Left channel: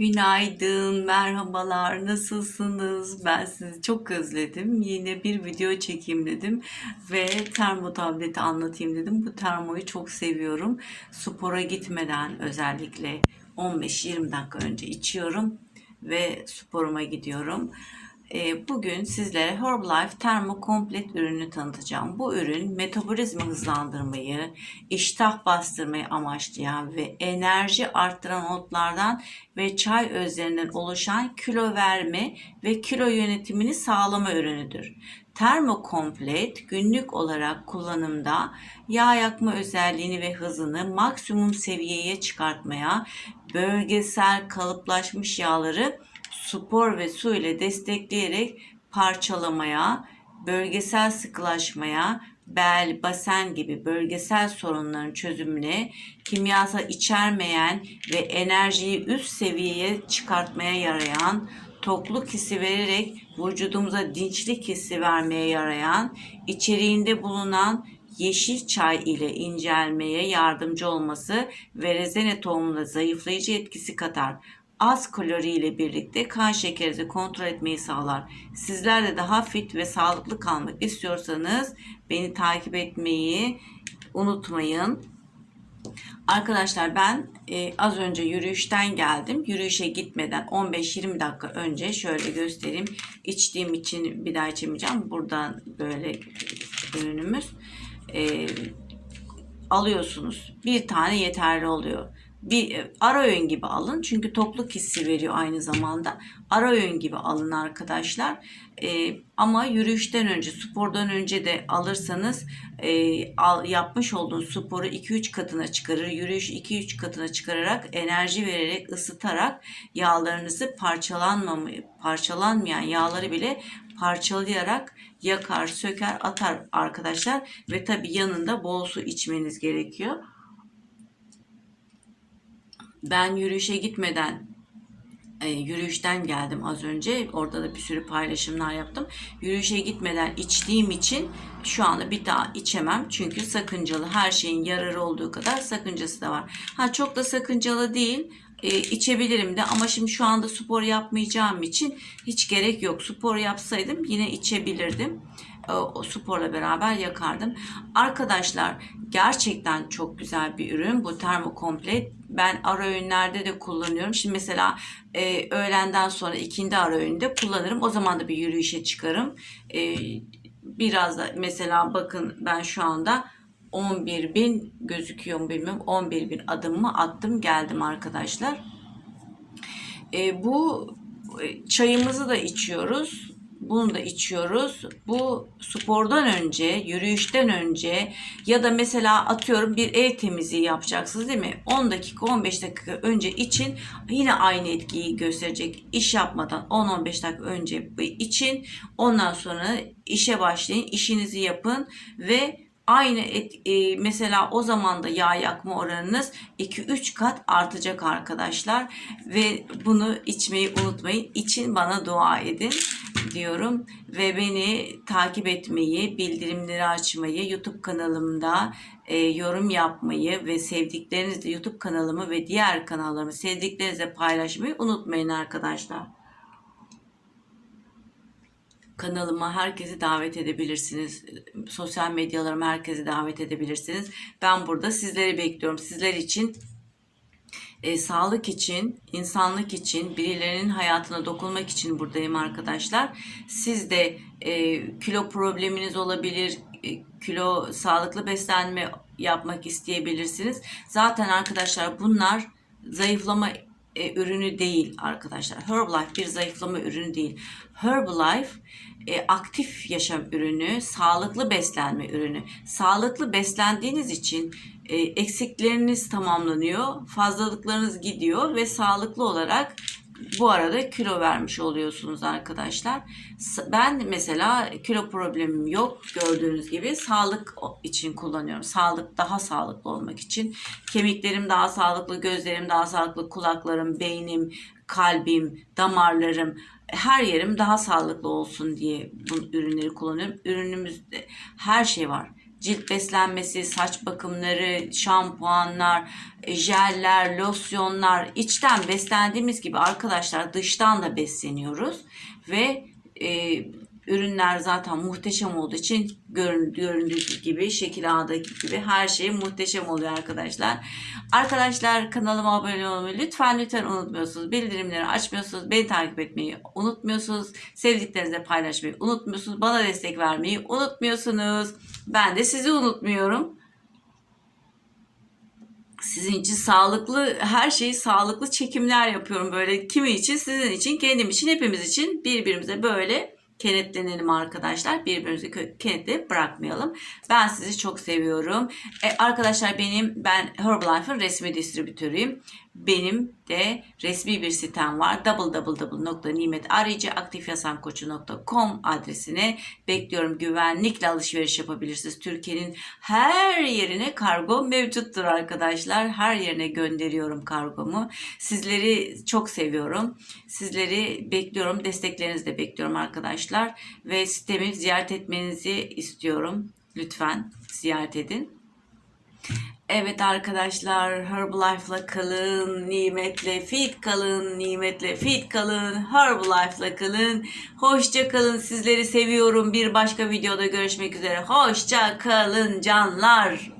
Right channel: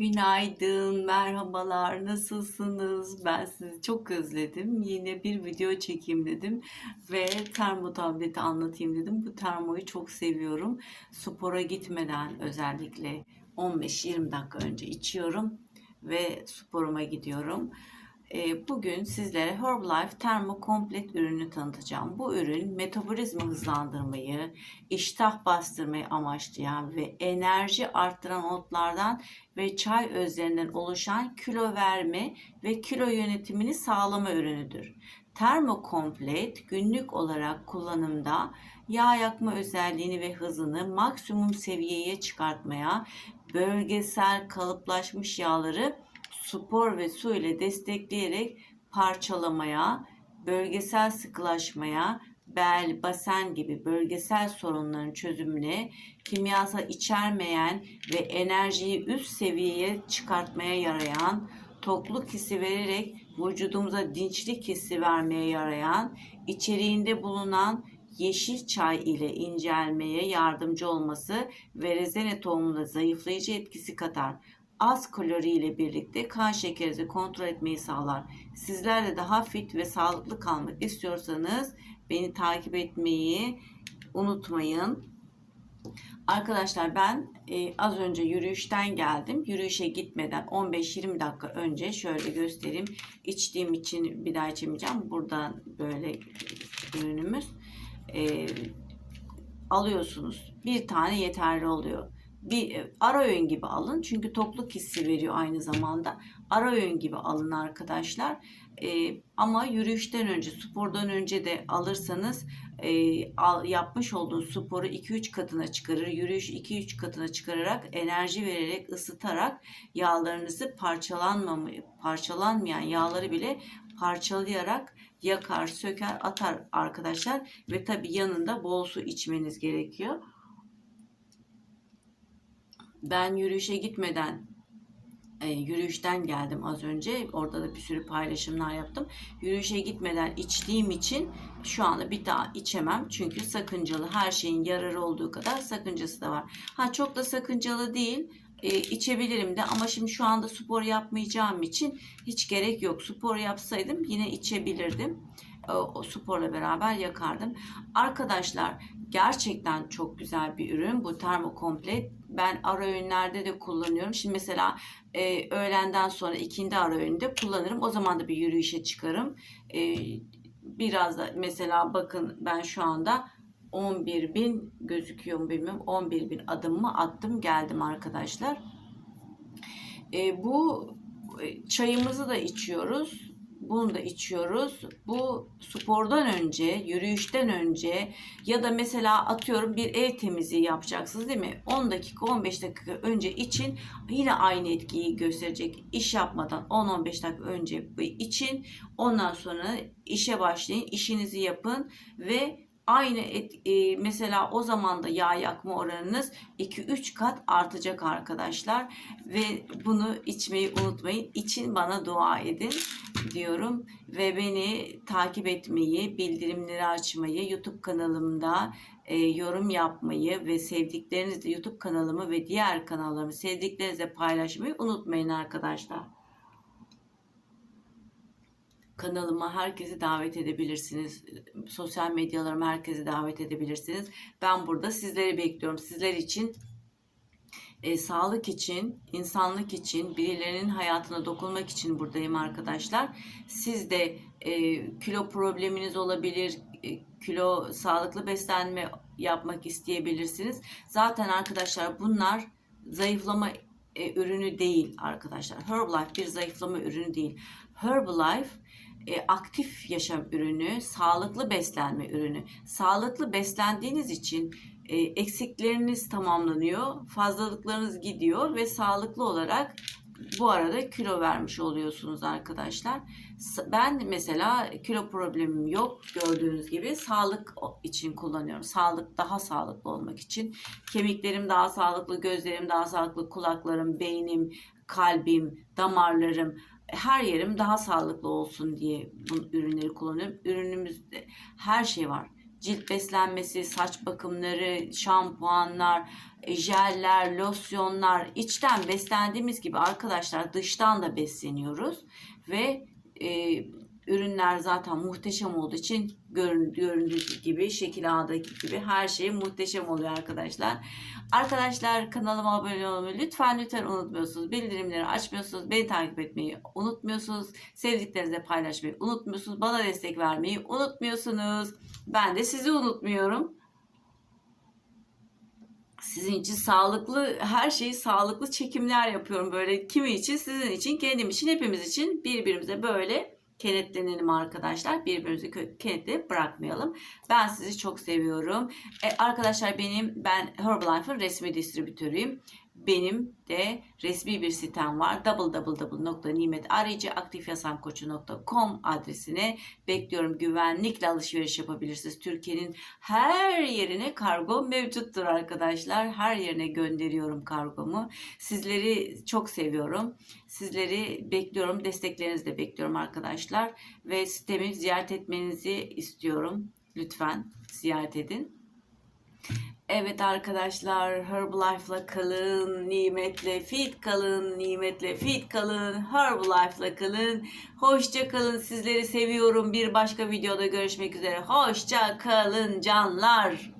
Günaydın, merhabalar, nasılsınız? Ben sizi çok özledim. Yine bir video çekeyim dedim ve termo tableti anlatayım dedim. Bu termoyu çok seviyorum. Spora gitmeden özellikle 15-20 dakika önce içiyorum ve sporuma gidiyorum. Ee, Bugün sizlere Herbalife Thermo Komplet ürünü tanıtacağım. Bu ürün metabolizma hızlandırmayı, iştah bastırmayı amaçlayan ve enerji arttıran otlardan ve çay özlerinden oluşan kilo verme ve kilo yönetimini sağlama ürünüdür. Termokomplet günlük olarak kullanımda yağ yakma özelliğini ve hızını maksimum seviyeye çıkartmaya, bölgesel kalıplaşmış yağları spor ve su ile destekleyerek parçalamaya, bölgesel sıkılaşmaya, bel, basen gibi bölgesel sorunların çözümüne, kimyasal içermeyen ve enerjiyi üst seviyeye çıkartmaya yarayan, tokluk hissi vererek vücudumuza dinçlik hissi vermeye yarayan, içeriğinde bulunan yeşil çay ile incelmeye yardımcı olması ve rezene tohumunda zayıflayıcı etkisi katar az kalori ile birlikte kan şekerinizi kontrol etmeyi sağlar. Sizler de daha fit ve sağlıklı kalmak istiyorsanız beni takip etmeyi unutmayın. Arkadaşlar ben e, az önce yürüyüşten geldim. Yürüyüşe gitmeden 15-20 dakika önce şöyle göstereyim. İçtiğim için bir daha içemeyeceğim. Buradan böyle ürünümüz. E, alıyorsunuz. Bir tane yeterli oluyor bir e, ara öğün gibi alın. Çünkü tokluk hissi veriyor aynı zamanda. Ara öğün gibi alın arkadaşlar. E, ama yürüyüşten önce, spordan önce de alırsanız e, al, yapmış olduğunuz sporu 2-3 katına çıkarır. Yürüyüş 2-3 katına çıkararak enerji vererek, ısıtarak yağlarınızı parçalanmayan yağları bile parçalayarak yakar, söker, atar arkadaşlar. Ve tabi yanında bol su içmeniz gerekiyor ben yürüyüşe gitmeden e, yürüyüşten geldim az önce. Orada da bir sürü paylaşımlar yaptım. Yürüyüşe gitmeden içtiğim için şu anda bir daha içemem. Çünkü sakıncalı her şeyin yararı olduğu kadar sakıncası da var. Ha çok da sakıncalı değil. E, içebilirim de ama şimdi şu anda spor yapmayacağım için hiç gerek yok. Spor yapsaydım yine içebilirdim. E, o sporla beraber yakardım. Arkadaşlar gerçekten çok güzel bir ürün bu termokomplet ben ara öğünlerde de kullanıyorum. Şimdi mesela e, öğlenden sonra ikindi ara öğünde kullanırım. O zaman da bir yürüyüşe çıkarım. E, biraz da mesela bakın ben şu anda 11 bin gözüküyor mu bilmiyorum. 11 bin adımımı attım geldim arkadaşlar. E, bu e, çayımızı da içiyoruz bunu da içiyoruz. Bu spordan önce, yürüyüşten önce ya da mesela atıyorum bir ev temizliği yapacaksınız değil mi? 10 dakika 15 dakika önce için yine aynı etkiyi gösterecek. İş yapmadan 10-15 dakika önce için ondan sonra işe başlayın, işinizi yapın ve aynı et, e, mesela o zaman da yağ yakma oranınız 2-3 kat artacak arkadaşlar ve bunu içmeyi unutmayın. İçin bana dua edin diyorum ve beni takip etmeyi, bildirimleri açmayı, YouTube kanalımda e, yorum yapmayı ve sevdiklerinizle YouTube kanalımı ve diğer kanallarımı sevdiklerinizle paylaşmayı unutmayın arkadaşlar kanalıma herkesi davet edebilirsiniz. Sosyal medyalarıma herkesi davet edebilirsiniz. Ben burada sizleri bekliyorum. Sizler için e, sağlık için, insanlık için, birilerinin hayatına dokunmak için buradayım arkadaşlar. Siz de e, kilo probleminiz olabilir, e, kilo sağlıklı beslenme yapmak isteyebilirsiniz. Zaten arkadaşlar bunlar zayıflama e, ürünü değil arkadaşlar. Herbalife bir zayıflama ürünü değil. Herbalife e, aktif yaşam ürünü, sağlıklı beslenme ürünü. Sağlıklı beslendiğiniz için eksikleriniz tamamlanıyor, fazlalıklarınız gidiyor ve sağlıklı olarak bu arada kilo vermiş oluyorsunuz arkadaşlar. Ben mesela kilo problemim yok gördüğünüz gibi sağlık için kullanıyorum. Sağlık daha sağlıklı olmak için. Kemiklerim daha sağlıklı, gözlerim daha sağlıklı, kulaklarım, beynim, kalbim, damarlarım her yerim daha sağlıklı olsun diye bu ürünleri kullanıyorum. Ürünümüzde her şey var. Cilt beslenmesi, saç bakımları, şampuanlar, e, jeller, losyonlar içten beslendiğimiz gibi arkadaşlar dıştan da besleniyoruz ve e, ürünler zaten muhteşem olduğu için görün- göründüğü gibi şekil A'daki gibi her şey muhteşem oluyor arkadaşlar. Arkadaşlar kanalıma abone olmayı lütfen lütfen unutmuyorsunuz. Bildirimleri açmıyorsunuz. Beni takip etmeyi unutmuyorsunuz. Sevdiklerinizle paylaşmayı unutmuyorsunuz. Bana destek vermeyi unutmuyorsunuz. Ben de sizi unutmuyorum. Sizin için sağlıklı her şeyi sağlıklı çekimler yapıyorum böyle kimi için sizin için kendim için hepimiz için birbirimize böyle kenetlenelim arkadaşlar. Birbirimizi kö- kenetle bırakmayalım. Ben sizi çok seviyorum. E, arkadaşlar benim ben Herbalife'ın resmi distribütörüyüm benim de resmi bir sitem var www.nimetarayıcıaktifyasamkoçu.com adresine bekliyorum güvenlikle alışveriş yapabilirsiniz Türkiye'nin her yerine kargo mevcuttur arkadaşlar. Her yerine gönderiyorum kargomu. Sizleri çok seviyorum. Sizleri bekliyorum. Desteklerinizi de bekliyorum arkadaşlar. Ve sitemi ziyaret etmenizi istiyorum. Lütfen ziyaret edin. Evet arkadaşlar Herbalife'la kalın, nimetle fit kalın, nimetle fit kalın, Herbalife'la kalın. Hoşça kalın. Sizleri seviyorum. Bir başka videoda görüşmek üzere. Hoşça kalın canlar.